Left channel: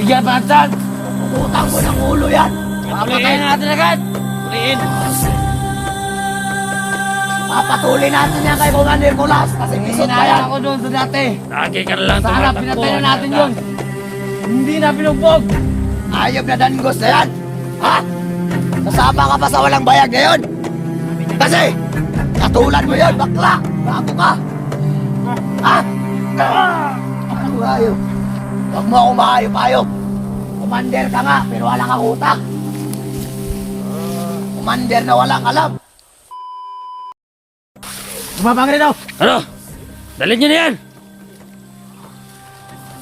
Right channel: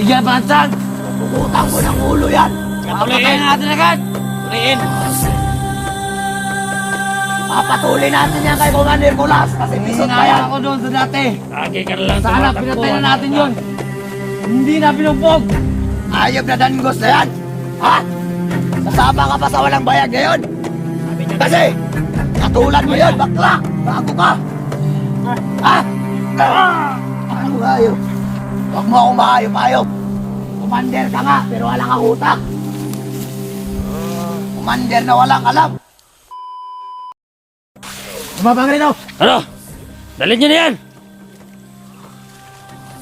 Bigyan bansan! Puputang mo ng ulo yan! Papatayin natin agad! Puliin! Papatuloy natin yan kay Commander Mulas kasi pisot pa yan ako doon sa dati. Lagi ka lang Sana tumatakbo. pinatayin natin yun. Hindi na pinugbog. Ayop na danggos na yan. Ha? Kasama ka pa sa walang bayag na yun. Kasi, katulad mo yan, bakla. Bago ka. Ha? Ano ayop? Huwag mo akong mahayop-ayop. Commander ka nga, pero wala kang utak. Commander na walang alam. Bumabang rin ako. Ano? Dalhin niyo na yan!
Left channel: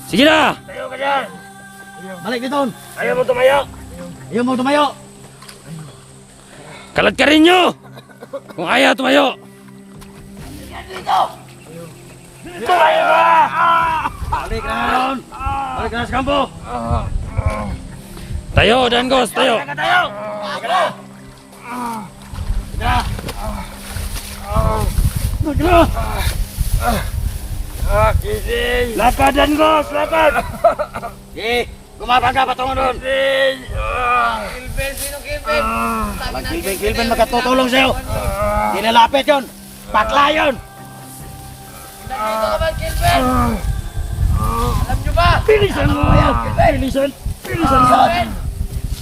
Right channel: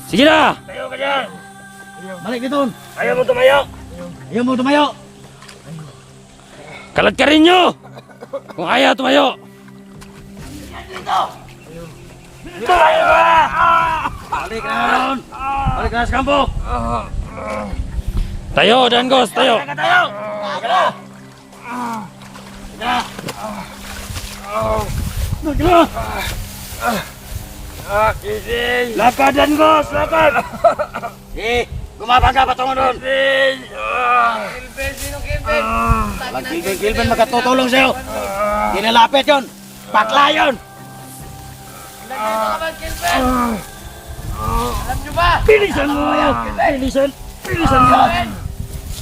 Sige na! Tayo ka dyan. Balik dito. Ayaw mo tumayo! Ayaw mo tumayo. Kalat ka rin nyo! Kung ayaw tumayo! Tumayo ka! Balik na naman! Balik na sa kampo! Tayo, Dangos! Tayo! Tayo! Tayo na! Kising! Lakad, Dangos! Lakad! Gumabang ka patungo doon! Walang Kilben magkatutulong sa'yo! Hindi nalapit yun! Bakla yun! Bilisan mo! Bilisan! Bilisan mo!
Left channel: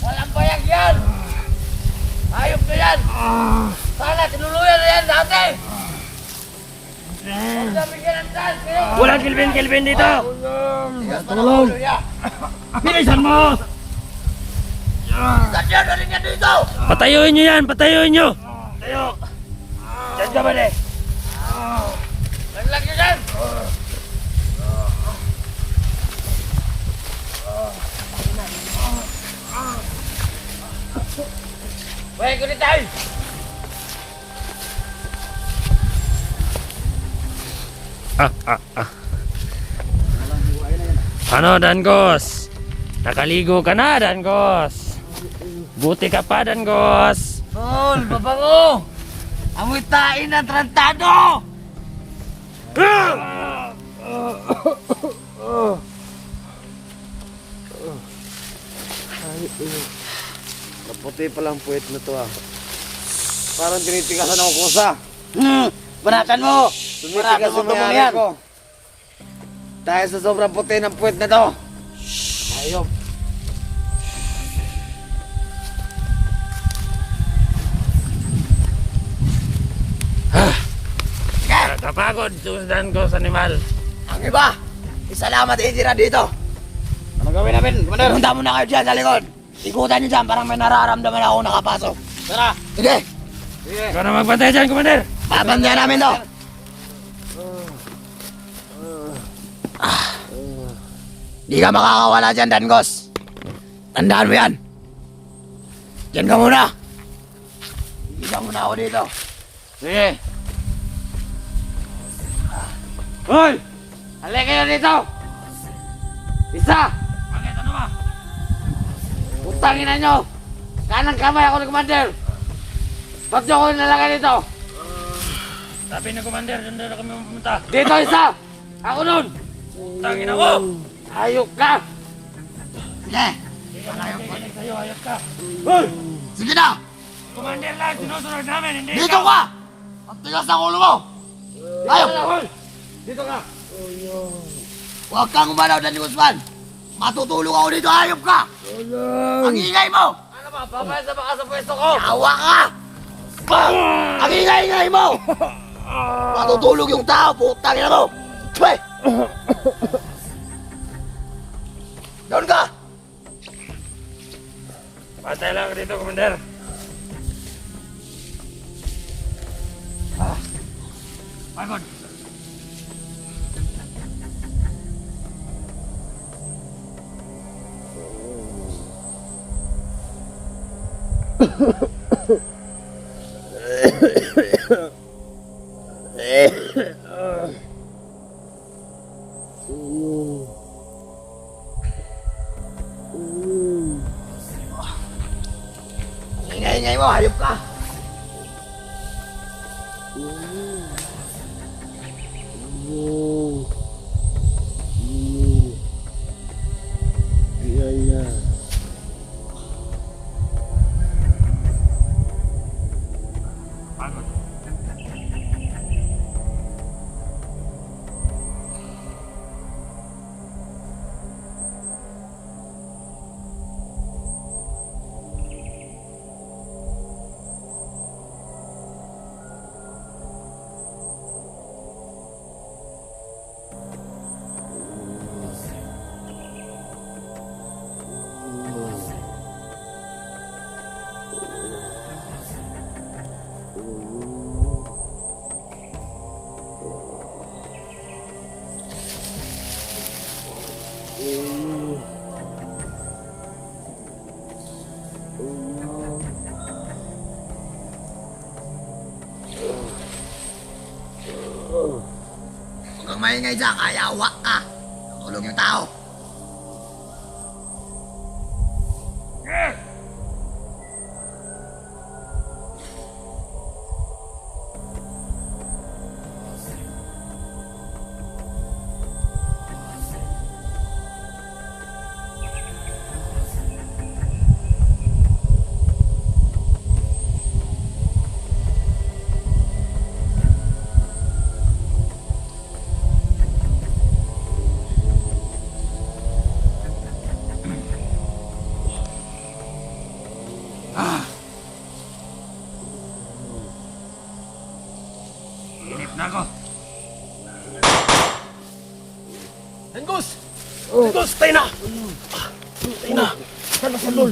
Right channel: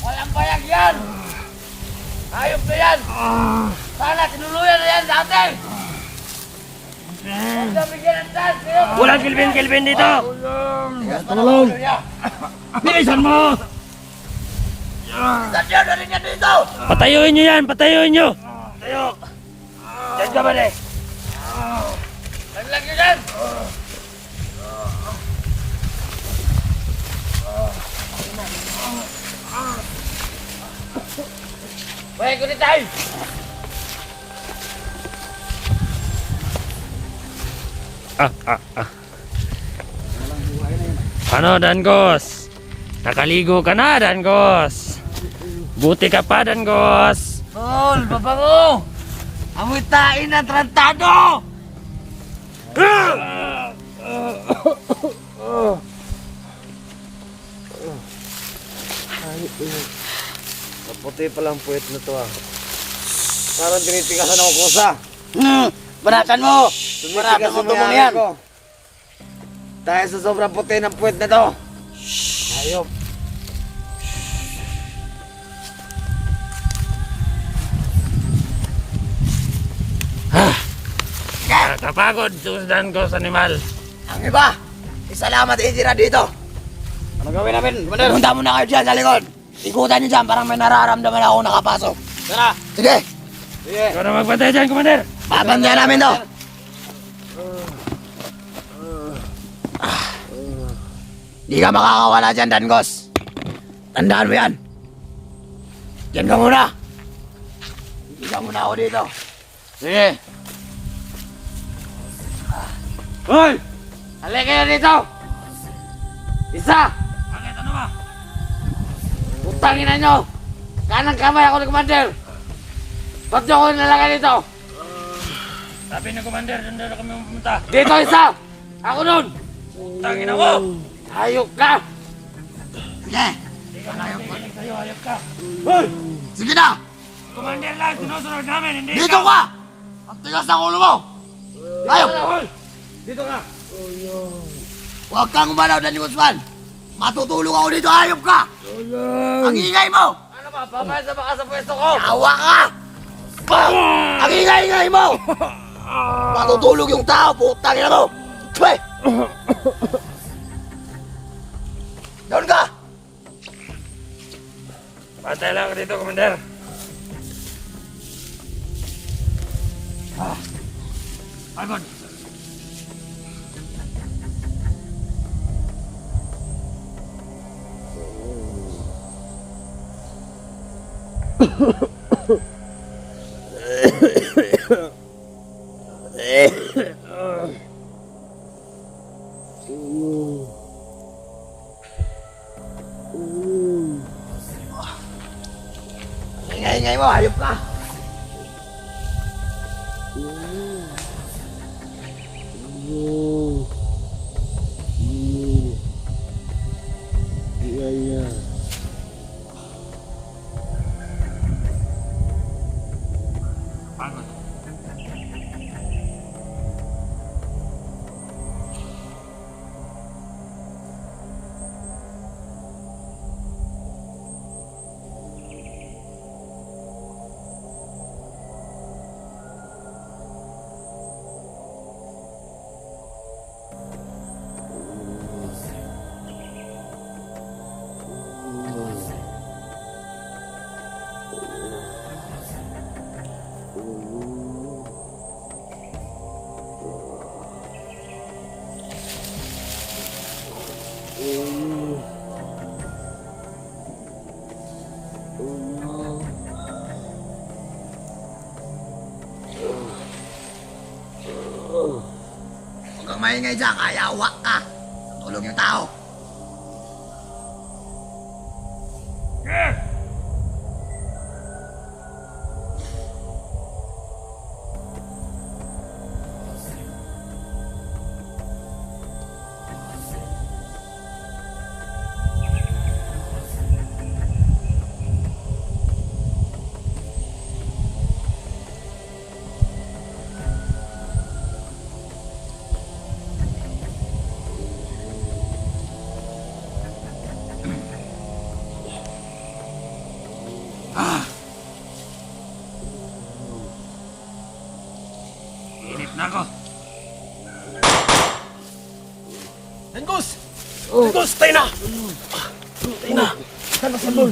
Walang bayag yan! Ayop na yan! Sana tinuluyan na yan dati! Walang Kilben dito! Tulong! Bilisan mo! Sadya na rin yan dito! Patayuin nyo yan! Patayuin nyo! Tayo! Diyan ka ba eh? Naglag nyo yan! Wait, kunin tayo! Ano, Dangos? Nakaligo ka na, Dangos. Buti ka pa, Dangos. Tol, babango! Amoy tain ng trantado! Maputi palang puwet na to ah. Parang tinitigasan ako kusa. Banatan mo! Tumitigas sa mayari ko. Dahil sa sobrang puti ng puwet na to. Ayop. Nakapagod, Dangos, animal. Ang iba, isalamat Idira dito. Ano gawin namin? Commander? Punta mo na kayo dyan sa likod. Ikutan niyo dyan, parang may nararamdaman ako nakapasok. Tara. Sige, Sige. Ikaw na magbantay dyan, Commander. babantayan namin to. Di ka makakawala dyan, Dangos. Tandaan mo yan. Yan ka muna. Ibigyan mo na ako dito. Sige. Hoy! Halika kayo dito! Isa! Ano ba? Utangin na nyo! Kanang kamay ako ni Commander! Ba't nyo ako nalagay dito? Sabi na, Commander, doon na kami pumunta. Dito isa! Ako nun! Tangin ako! Ayok ka! Sige! Sa'yo, ayot ka. Hoy! Sige na! Commander lang, sinusunod namin, hindi Dito ka! Ang tigas ng ulo mo! Ayok! Dito ka! Huwag kang umalaw, Danny Guzman! Matutulog ako dito, ayop ka! Ang ingay mo! Ano ba? Papayasa ba ka sa pwesto ko? Yawa ka! Ang ingay-ingay mo! Matutulog yung tao, putang ina mo! Twe! Doon ka! Pantay lang dito, Commander. Pagod. Ang ingay-ingay mo, hayop ka! Di Huwag kang maingay dyan, kayawa ka. Tulong yung tao. Inip na ako. Dangos! Oh. Dangos, tayo na! Tayo na! Saan na sandol?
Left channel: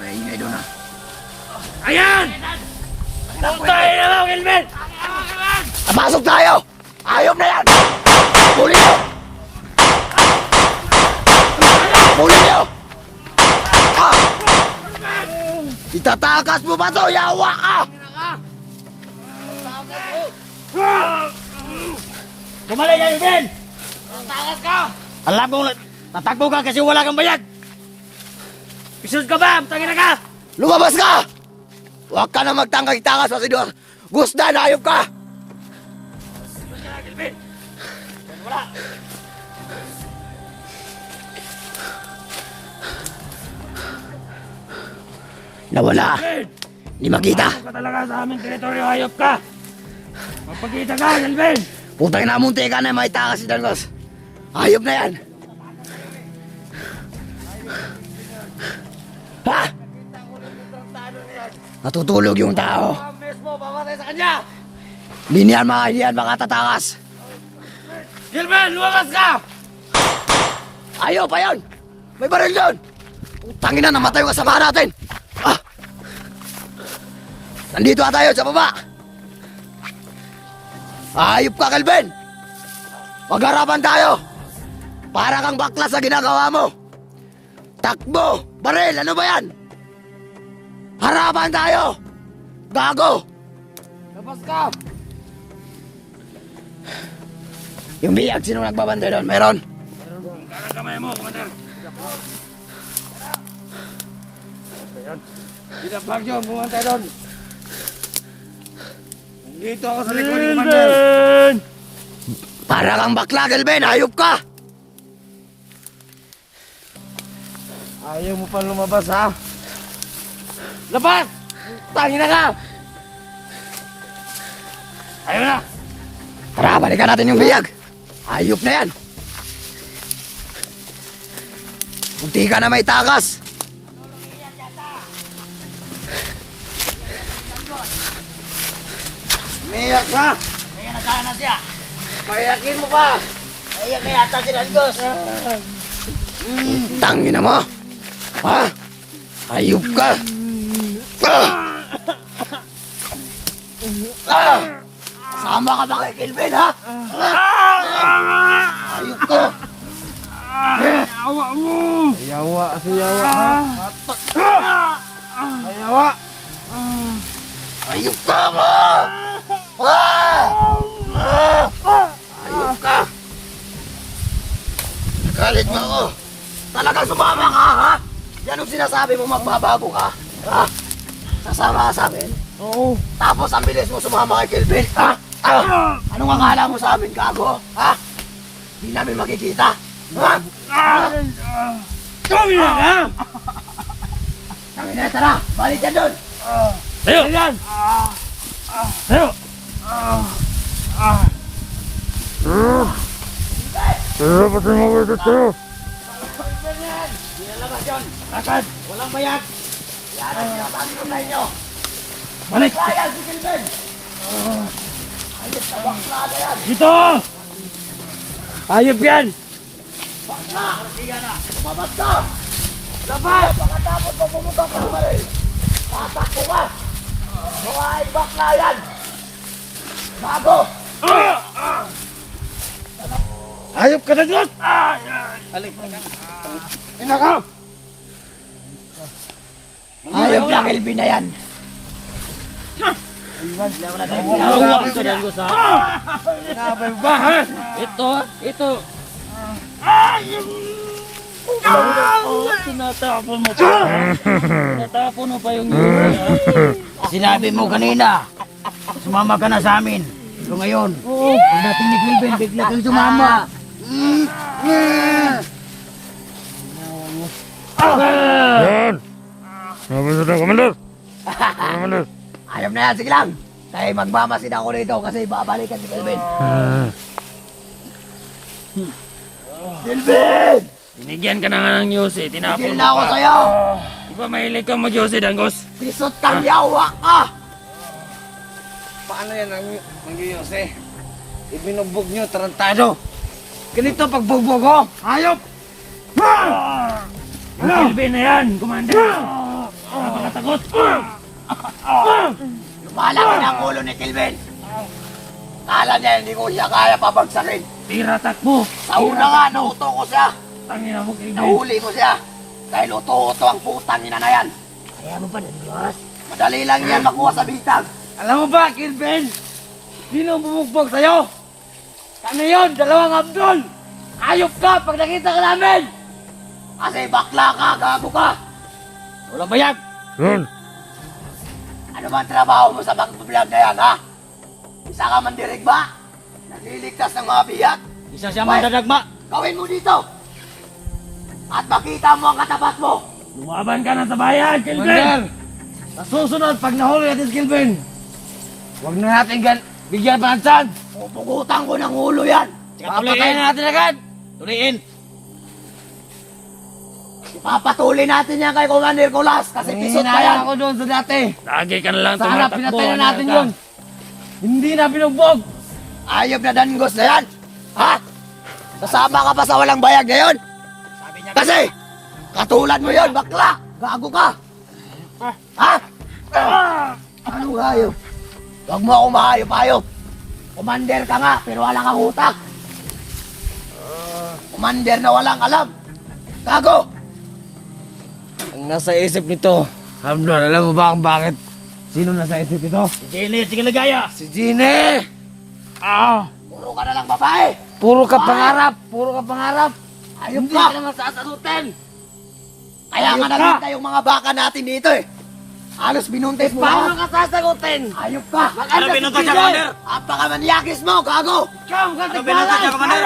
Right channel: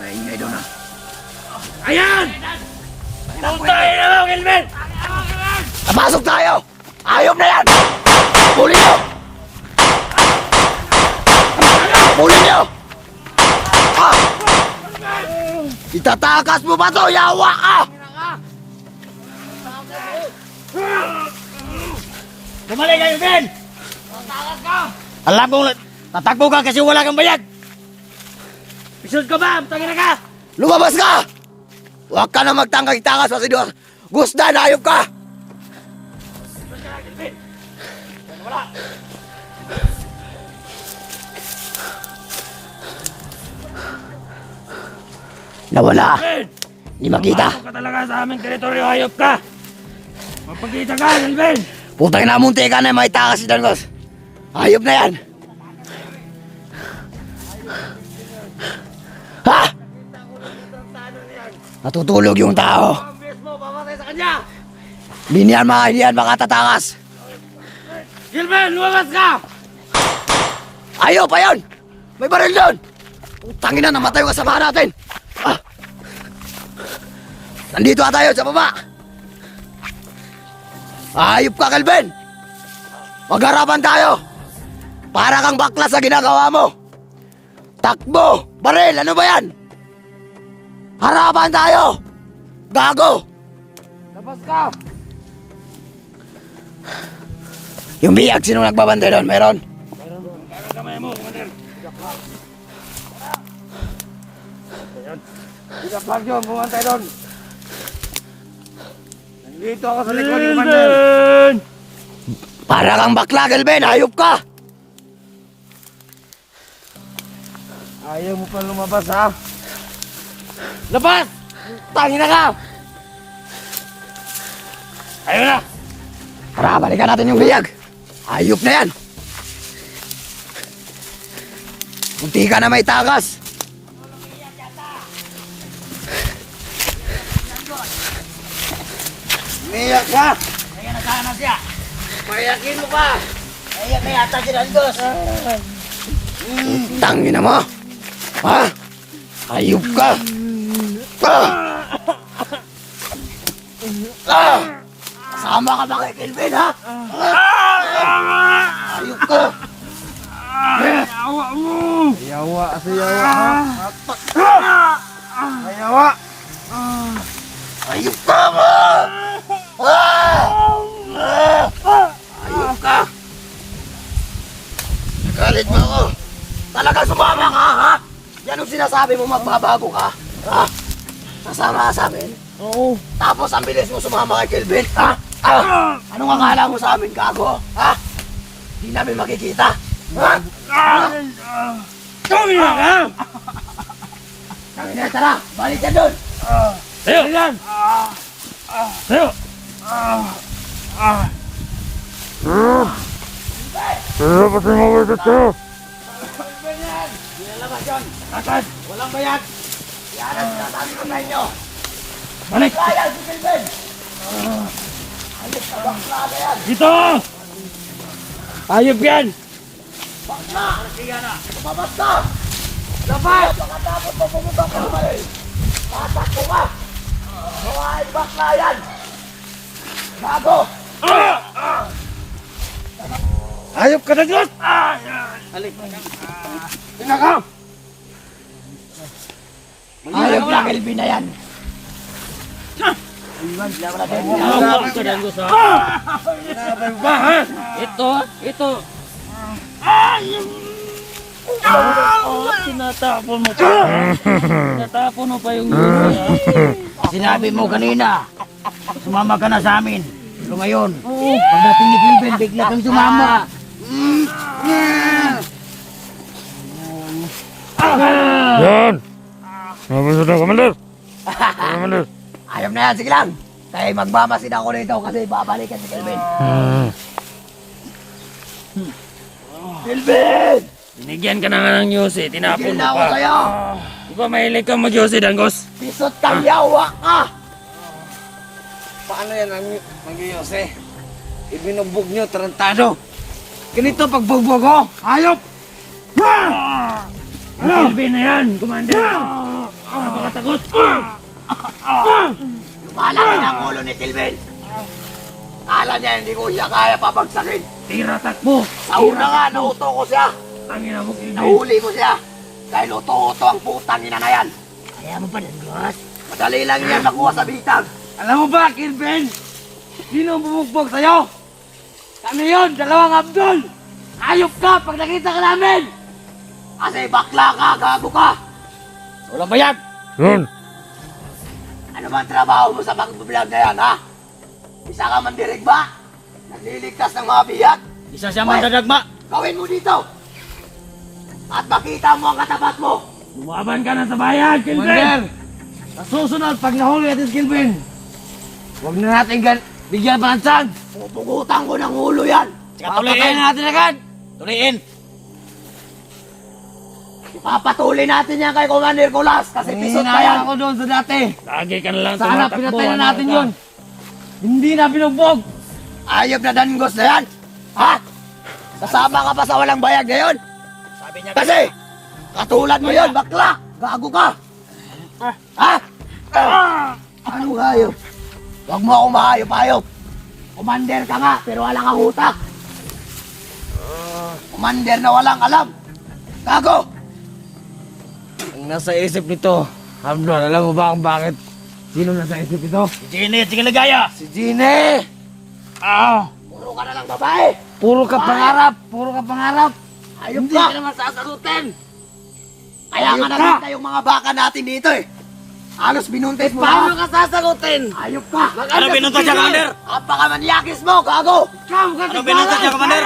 Maingay doon ah. Ayan! Punta na lang, Kelvin! Napasok tayo! Ayop na yan! Huli nyo! Huli nyo! Ah! Itatakas mo ba to? Yawa ka! Kamali kayo, Kelvin! Alam mo, tatakbo ka kasi wala kang bayad! Pisod ka ba? Tangin na ka! Lumabas ka! Huwag ka na magtangkay-takas sa sidor! Gusda na ayop ka! Nawala! Hindi makita! Ka talaga sa aming teritoryo, hayop ka! Magpakita ka, Kelvin! Putang na munti ka na may takas si Dangos! Ayop na yan! Ha! Natutulog yung tao! Hindi yan makatatakas! Kelvin, lumabas ka! Ayaw pa yan! May baril yun! Tangin na, namatay yung kasama natin! Ah! Nandito na tayo sa baba! Ayop ka, Kelvin! Magharapan tayo! Para kang bakla sa ginagawa mo! Takbo! Baril! Ano ba yan? Harapan tayo! Gago! Labas ka! Yung biyag, sino nagbabantay doon? Meron? Kamay mo, Commander! Tidak Bagyo, bumantay doon. Nandito ako sa likod ni Commander. Para kang bakla, Kelvin! Ayop ka! Ayaw mo pa lumabas, ha? Labas! Tangin na ka! Ayun na! Tara, balikan natin yung biyag! Ayop na yan! Munti ka na may takas! Umiyak ka! Ayan na sana siya! Payakin mo pa! Ayan na yata si Dangos! Tangina mo! Ha? Ayop ka! Sama ka ba kay Kelvin, ha? Ayop ka! Awa mo! Ayawa, ha? Ayawa! Ayop ka mo! Ayop ka! Nagalit mo ako! Talagang sumama ka, ha? Yan ang sinasabi mo, magbabago ka? Ha? Sasama ka sa amin? Oo. Tapos ang bilis mo sumama kay Kelvin, ha? Anong akala mo sa amin, gago? Ha? Di namin makikita. Ha? Kami na ka! Tangin na, tara! Balik ka doon! Tayo! Tayo! Tayo, pati mo ba ito? Di na labas yun! Agad! Walang bayad! Yan ang sinasabi ko sa inyo! Balik! Kaya si Silven! Ayos na baklada yan! Dito! Ayop yan! Bakla! Lumabas ka! Labas! Pagkatapos mo pumunta ka naman tatakbo ka! Mga ay bakla yan! Bago! Ayop ka na Diyos! Pinaka! Ayos lang Elvin na yan! Ayop ka na Diyos ha! Ito! Tinatapon mo pa! Tinatapon mo pa yung Sinabi mo kanina, sumama ka na sa amin. Ito ngayon, pagdating ni Kilben, bigla kang sumama. Yan! Mabasa na, Commander! Commander! Ayaw na yan, sige lang. Kaya magmamasid ako rito kasi babalikan si Kilben. Kilben! Binigyan ka na nga ng Yossi, tinapon Tigil mo na ako pa. sa'yo! Di ba mahilig kang mag-Yossi, Danggos? Pisot kang yawa ka! Paano yan ang Yose? Ibinubog nyo, tarantado. Ganito pagbugbog ko. Hayop! Kilben na yan, Commander! Napakatakot! Lumalaki na ang ulo ni Kilben. Kala niya hindi ko siya kaya pabagsakin. Tira takbo! Sa una nga, nauto ko siya. Tangina mo, Kilben! Nahuli ko siya. Dahil uto-uto ang putang ina na yan. Kaya mo pa ng Diyos. Madali lang yan makuha sa bitag. Alam mo ba, Kilben? Sino ang bumugbog sa'yo? Kami yun, dalawang Abdul. Hayop ka pag nakita ka namin. Kasi bakla ka, gago ka. Walang bayag. Yun! Ano ba ang trabaho mo sa mga vlog na yan, ha? Isa ka mandirig ba? Nagliligtas ng mga biyak? Isa siya Wait. mandadagma. Gawin mo dito. At makita mo ang katapat mo. Lumaban ka na sa bayan, Kilben! Commander, sa susunod, pag nahuli natin si Kilben, huwag na natin bigyan pa ng chance. Pupugutan ko ng ulo yan. Papatayin na natin agad. Tuliin. Papatuloy natin yan kay Commander Colas kasi pisot pa yan. Hinayang ako doon sa dati. Lagi ka na lang Sana tumatakbo. pinatayin ano natin ka? yun. Hindi na binugbog. Ayop na danggos na yan. Ha? Kasama ka pa sa walang bayag ngayon? Kasi, katulad mo yun, bakla. Bago ka. Ha? Ano hayop? Huwag mo ako mahayop-hayop. Commander ka nga, pero wala kang utak. Commander na walang alam. Gago! Ang nasa isip nito, Hamdan, alam mo ba ang bakit? Sino nasa isip nito? Si Jenny at si Kalagaya! Si Gine! Puro ka na lang babae. Puro ka pangarap! Puro ka pangarap! Ayop Hindi ka. ka naman sasagutin! Kaya nga Ayop ka. nakita yung mga baka natin dito eh. Halos binuntis mo Paano lahat. ka sasagutin? Ayop ka. Maganda si Gine! Ang pakamanyakis mo, gago. Ikaw ka sasagutin!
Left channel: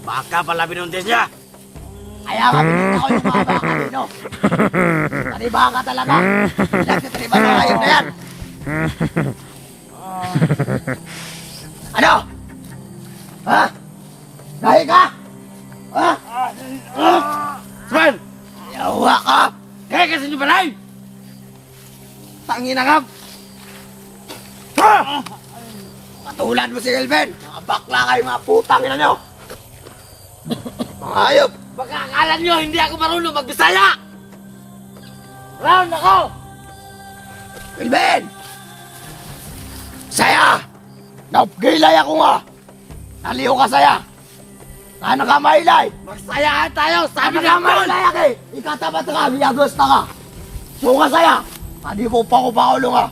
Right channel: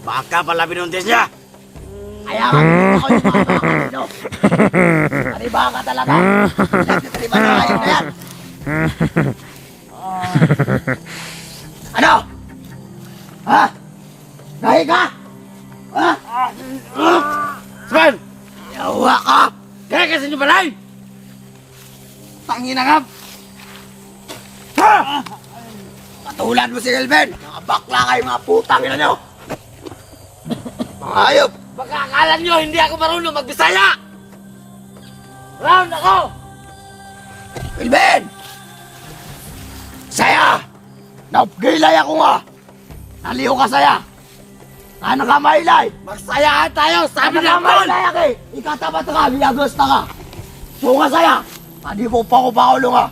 Baka pala binuntis niya! Kaya nga binuntis ako yung mga baka dito. Panibahan ka talaga. Nagtitaliban na ayop na yan. Ano? Ha? Dahil ka? Ha? Swan! Yawa ka. Kaya kasi nyo balay! Tangin na ka! Katulad mo si Elben. Nakabakla kayo mga putang ina nyo. Mga ayop. Baka akala nyo hindi ako marunong magbisaya! Round ako! Elben! Saya! Napgilay ako nga. Naliw ka saya. Ano ka mailay? Magsaya tayo! Sabi Sabi na ng mo! Ikatapat ka, biyagos pa ka. Bunga saya. Hindi ko pa ko paulo nga.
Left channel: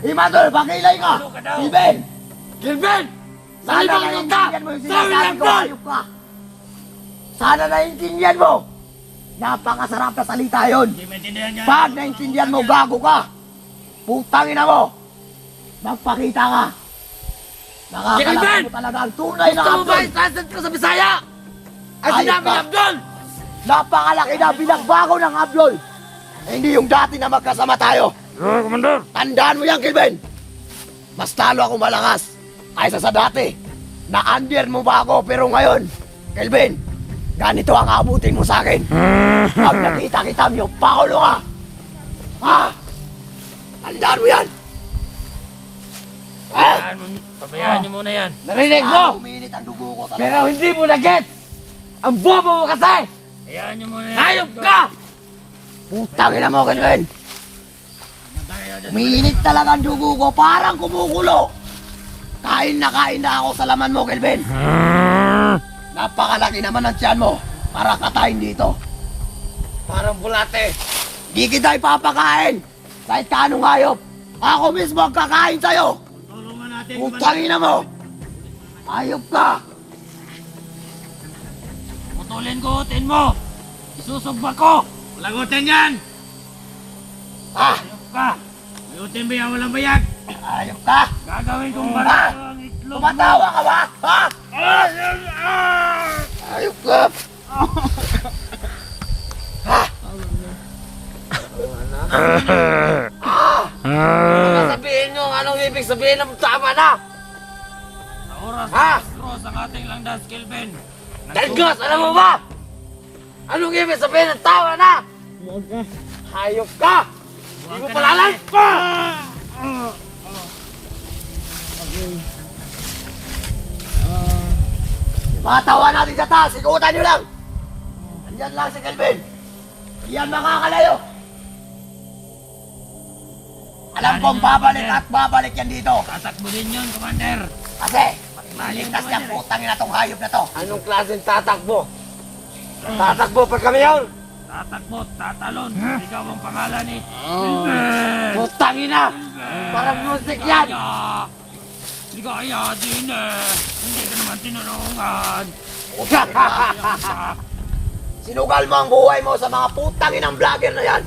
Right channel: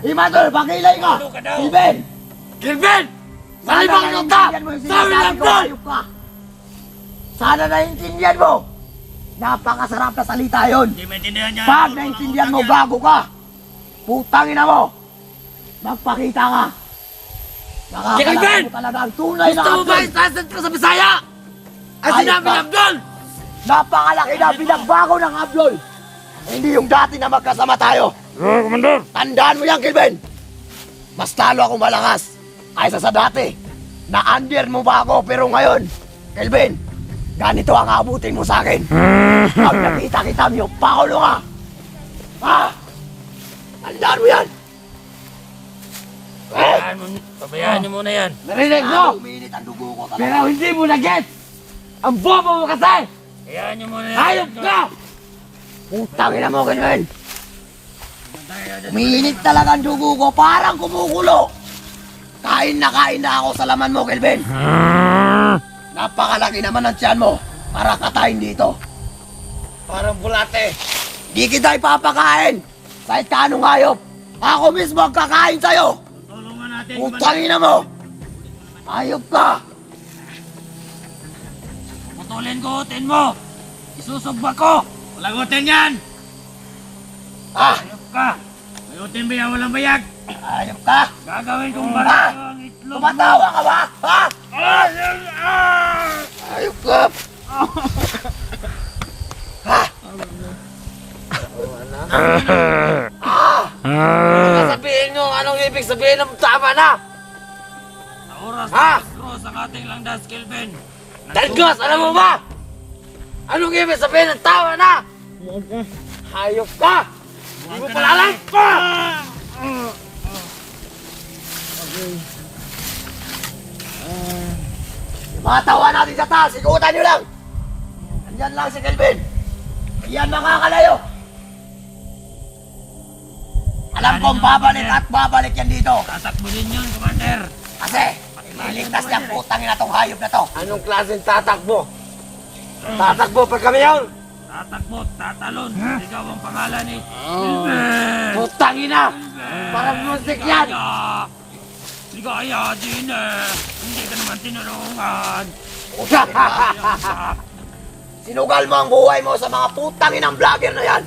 Imadol, pakilay ka. Elben! Gilbin! Sana Malibang ka! naiintindihan mo yung Sabi sinasabi ng ko, Paul! ayop ka. Sana naiintindihan mo. Napakasarap na salita yun. Hindi maintindihan niya. Pag naiintindihan mo, gago ka. Putang ina mo. Magpakita ka! Nakakalala mo talaga ang tunay na Abdul! Sasad ka sa Bisaya? Ang Ayos sinabi ka. ni Abdul! Napakalaki na binagbago ng Abdul! Hindi yung dati na magkasama tayo! Commander! Tandaan mo yan, Kelvin! Mas talo ako malakas kaysa sa dati. Na-under mo ba ako pero ngayon, Kelvin, ganito ang abutin mo sa akin. Pag nakita kita niyo, pakulo ka! Tandaan mo yan! Sabayaan niyo muna yan. Narinig mo! Uminit ang dugo ko talaga. Pero hindi mo na-get! Ang bobo mo kasi! Hayaan niyo muna yan. Hayop ka! Putang ina mo, Kelvin! Uminit talaga ang dugo ko, parang kumukulo! Kain na ako sa laman mo, Kelvin! Napakalaki naman ang tiyan mo para katayin dito. Parang bulate. Di kita ipapakain! Kahit kanong hayop! Ako mismo ang kakain sa'yo! Tulungan natin. Putang ina mo! Hayop ka! Putulin ko utin mo. Isusugba ko. Lagutin yan! Ah! Hayop ka. Lagutin ba yan walang bayag? Hayop ka! Gagawin kong Ah! barito ang itlog mo. Tumatawa ka ba? Ha? Hayop ka! Ha? Sabihin nyo, anong ibig sabihin ng tama na? Sa oras Ha? ng cross ang ating langdas, Kelvin. Dagos, alam mo ba? Anong ibig sabihin ng tama na? Hayop ka! Hindi mo pala alam! Yung mga tawa natin sa taas, ikutan nyo lang! Andyan lang si Kelvin! Iyan makakalayo! Alam kong babalik at babalik yan dito! Tatakbo din yun, Commander. Kasi, iligtas niyang putang ina tong hayop na to! Anong klaseng tatakbo? Tatakbo pa kami yan! Tatakbo, tatalon. Ikaw ang pangalan ni Kelvin. Putang ina! Parang music yan! Ligaya. Ligaya din eh. Hindi ka naman tinulungan. Sinugal mo ang buhay mo sa mga putang inang vlogger na yan!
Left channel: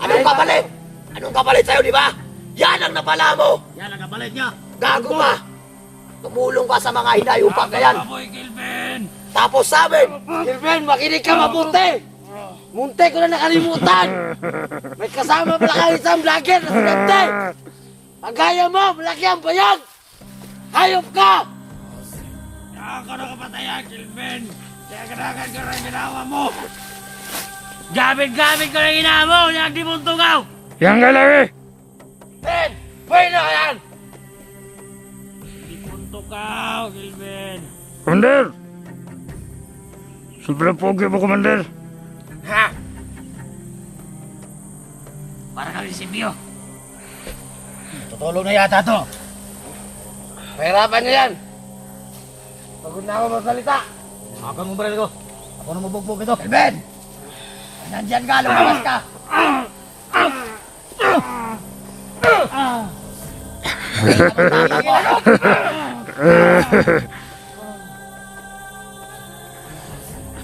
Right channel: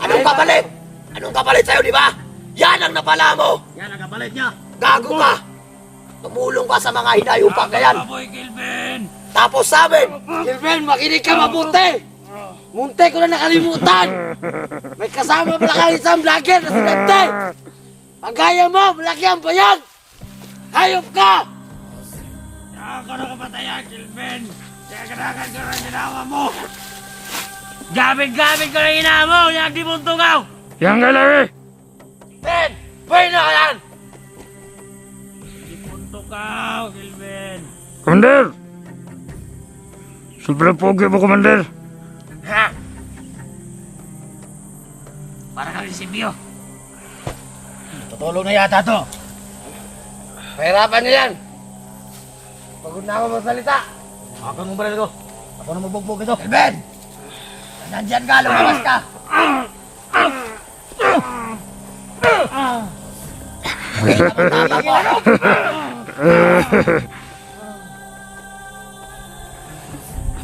Anong kapalit? Anong kapalit sa'yo, di ba? Yan ang napala mo! Yan ang kapalit niya! Gago ka! Tumulong ka sa mga hinayupak na yan! Baboy, Kelvin. Tapos sabi, Kelvin, makinig ka mabuti! Munti ko na nakalimutan! May kasama pala kayo isang vlogger na si Dante! Ang gaya mo, malaki ang bayag! Hayop ka! Nakakano ka patayan, Kelvin. Kaya kanakan ka rin ginawa mo. Gamit-gamit ka rin ginawa mo. Yan, di mong tungaw. Yan ka, Larry. Ben! Pwede na ka yan! Di mong tungaw, Kelvin. Commander! Sobrang pogi mo, Commander. Ha? Para kami si Bio. Tutulong na yata to. Pahirapan niya yan. Pagod na ako magsalita. Ako mong baril ko. Ako na mabugbog ito. Ben! Nandyan ka, lumabas ka!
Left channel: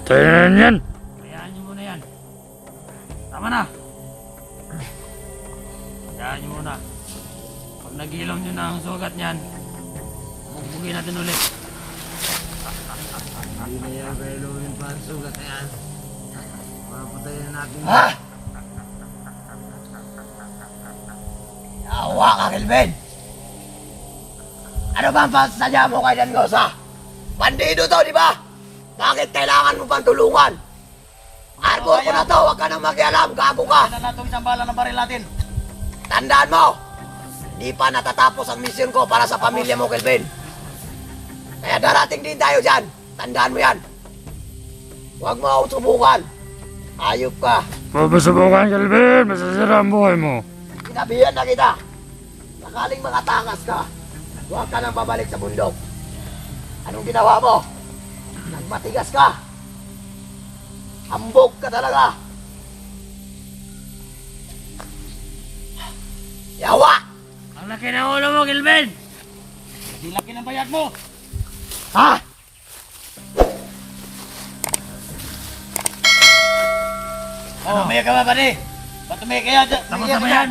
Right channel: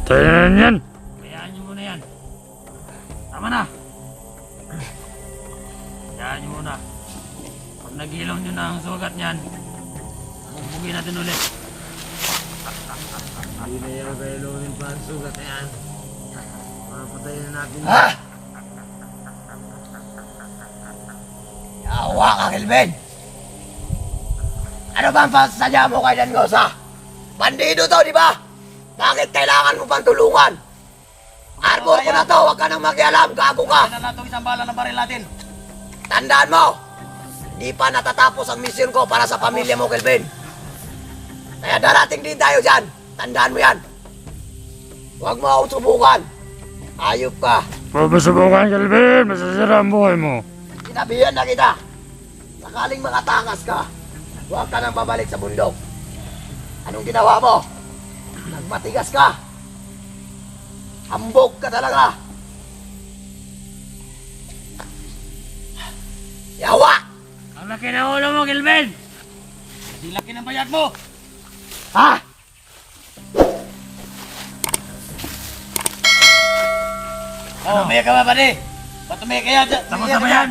Tayo na yan. Hayaan niyo muna yan. Tama na. Hayaan niyo muna. Pag nagilom niyo na ang sugat niyan, bugbugin natin ulit. Hindi na yan kayo lumin pa ang sugat na yan. Papatayin na natin. Ha? Yawa ka, Kelvin! Ano ba ang pasadya mo kay Dangosa? Bandido to, di ba? Bakit kailangan mo pang tulungan? Arbor ko na to, huwag ka nang makialam, gago ka! Kaya na itong isang bala ng baril natin. Tandaan mo, di pa natatapos ang misyon ko para sa pamilya mo, Kelvin. Kaya darating din tayo dyan. Tandaan mo yan. Huwag mo akong subukan. Ayop ka. Papasubukan, Kelvin. Masasira ang buhay mo. Sinabihan na kita. Sakaling makatakas ka, huwag ka nang babalik sa bundok. Anong ginawa mo? Nagmatigas ka. Hambog ka talaga. Yawa! Ang laki ng ulo mo, Kelvin. Hindi laki ng bayag mo. Ha? Oh, may ka ba, pare? Ba't may kaya? Tapos na ba yan?